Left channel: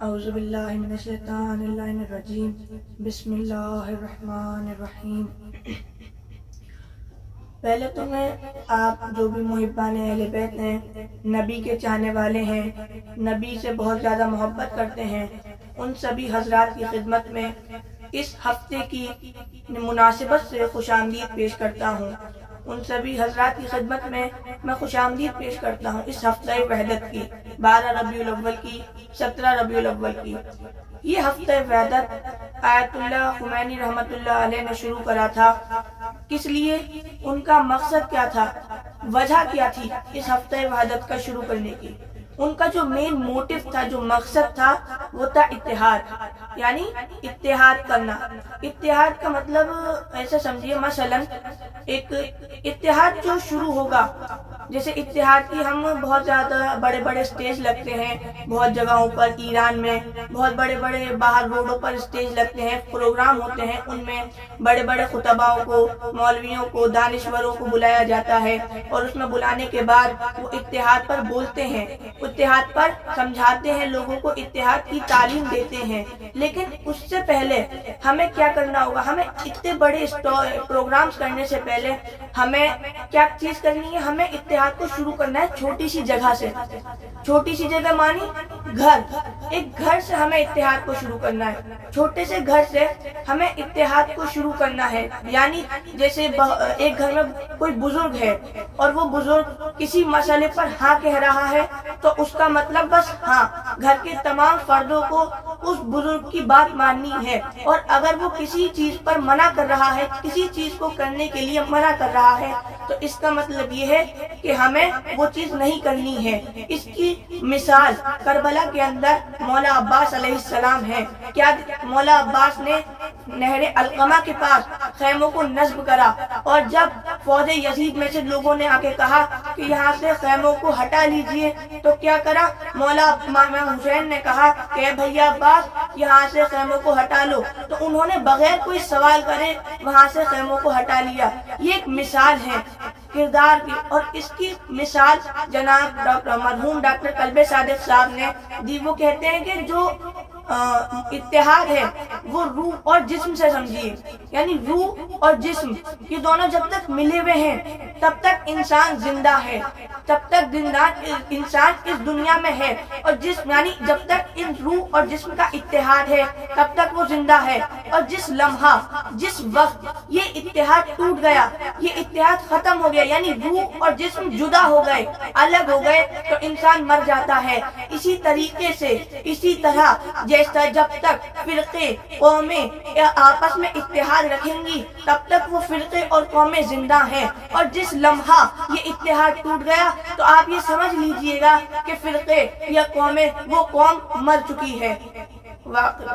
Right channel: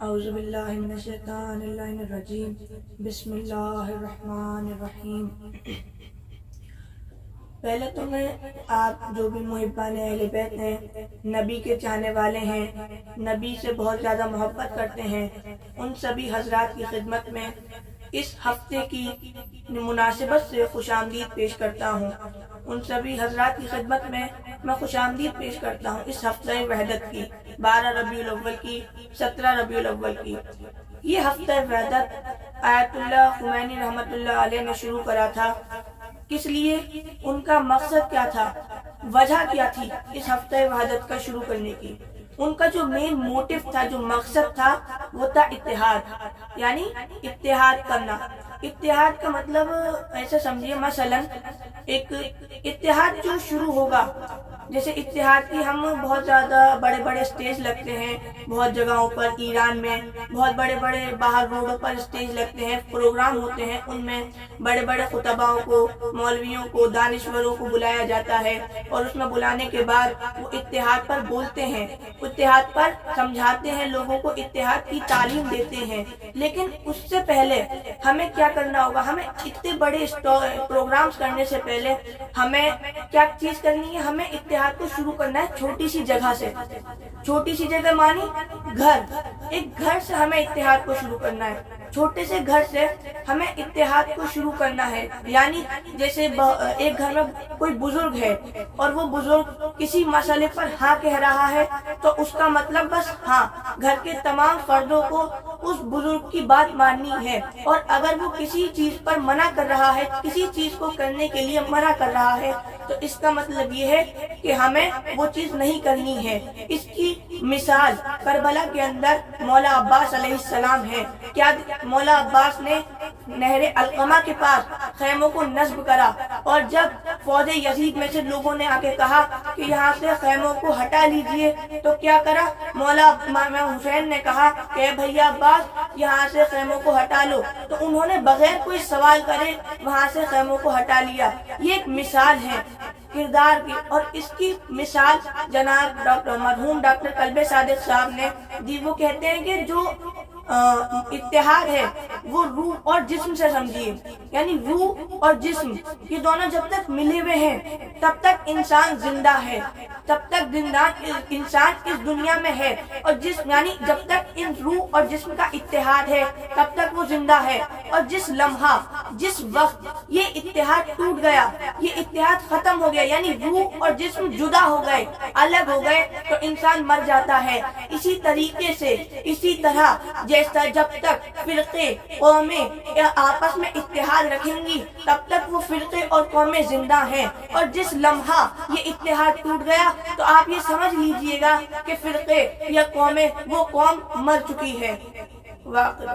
اعوذ باللہ من الشیطان اللعین الرجیم بسم اللہ الرحمن الرحیم۔ پہلے تو میں آپ جو بھی محبان اہل بیت ہیں، نبی کے چاہنے والے ہیں، نبی سے بہت زیادہ محبت کرتے ہیں، ان سبھی حضرات کی خدمت میں اس ہفتے کی مناسبت سے خوش آمدید پیش کرتا ہوں۔ ان سبھی حضرات کی خدمت میں خوش آمدید پیش کرتا ہوں اس ہفتہ وحدت کی، 12 ربیع الاول کی، 17 ربیع الاول کی۔ یہ ہفتہ وحدت آیت اللہ خمینی رحمۃ اللہ علیہ نے شروع کرا تھا۔ کس لیے؟ ان کا مقصد کیا تھا، وجہ کیا تھی اس ہفتہ وحدت کا شروع کرنے کی؟ ان کا جو مین موٹیو تھا، جو مقصد تھا، وہ تھا اتحاد، یعنی اتحاد کرنا۔ اتحاد کا مطلب ایسے سمجھیے، مثلا ایک اتحاد جو شروع ہوگا، جیسے اتحاد کی ہم بہت زیادہ بڑے بڑے اسٹیج لگتے ہیں بہت جگہوں پر، ایران میں بہت بڑے بڑے باہر روڈوں پر اسٹیج لگتے ہیں، پروگرام ہوتے ہیں، ان میں بڑے بڑے خطباؤں کو، مولویوں کو، دانشوروں کو بلایا جاتا ہے، اور اس میں بلانے کے بعد وہ اتحاد پر بولتے ہیں، اتحاد پر سمجھاتے ہیں، لوگوں کو اتحاد کی تعلیم دیتے ہیں۔ لیکن اس سے پہلے ہمیں کیا کرنا ہوگا؟ ہمیں اتنے بڑے پروگرامز کرنے سے پہلے ہمیں کیا چیز کرنی ہے؟ ہمیں اتحاد کو شروع کرنا ہے چھوٹی سی جگہ سے۔ چھوٹی سی جگہ مانی گھر، ایک گھر سے ہمیں اتحاد کو شروع کرنا ہے، چھوٹے سے گھر سے ہمیں اتحاد کو شروع کرنا ہے۔ یعنی جیسے ایک گھر میں کوئی بزرگ ہے اور وہ بزرگ کسی مسئلے پر ہاں کہہ رہا ہے، تو اس کا مطلب بس ہاں، گھر کے تمام فردوں کو اس بزرگ کی بات ماننی ہے، اور اگر وہ کسی چیز پر منع کر رہا ہے، کسی چیز کو کرنے کے لیے منع کر رہا ہے، تو اس کا مطلب یہ ہے کہ ہمیں وہ چیز نہیں کرنی ہے۔ اس کی مثال کربلا کے اندر مولا عباس علیہ السلام ہے۔ کیا مولا عباس نے نہر علقمہ کے پاس خیموں کو نصب کرا، اور جب فوج یزید میں سے لوگوں نے آ کے کہا کہ یہاں سے خیموں کو ہٹا لیجئے، تو کیا کرا؟ مولا امام حسین نے کہا کہ بھیا عباس یہاں سے خیموں کو ہٹا لو، تو انہوں نے بغیر کوئی سوال کرے وہاں سے خیموں کو ہٹا لیا۔ یہ ایک مثال ہے کردار کی، اور اس کی مثال جناب مرحوم ڈاکٹر کلب صادق صاحب نے دی۔ وہ کہتے ہیں کہ جو اتحاد ہے وہ روح اور جسم سے سمجھیے، یعنی روح اور جسم یہ دونوں جب تک ملے ہوئے ہیں تب تک انسان زندہ ہے، تب تک انسان اس دنیا میں ہے، اور جسم یعنی جب تک ان روح اور جسم کا اتحاد ہے تب تک وہ زندہ ہے۔ اور جس لمحہ، جس وقت یہ اتحاد ٹوٹ گیا، یہ اتحاد ختم ہو گیا، یعنی روح اور جسم جدا ہو گئے، الگ ہو گئے، تو انسان مر جاتا ہے۔ اسی طریقے سے، اسی طرح جیسا جب تک فرقے قومیں آپس میں اتحاد رکھیں گی تب تک وہ فرقے اور قومیں زندہ ہیں، اور جس لمحہ یہ اتحاد ٹوٹ گیا تو آپ یہ سمجھ لیجئے گا کہ فرقے یا قومیں، وہ قوم مر چکی ہے۔ واقعی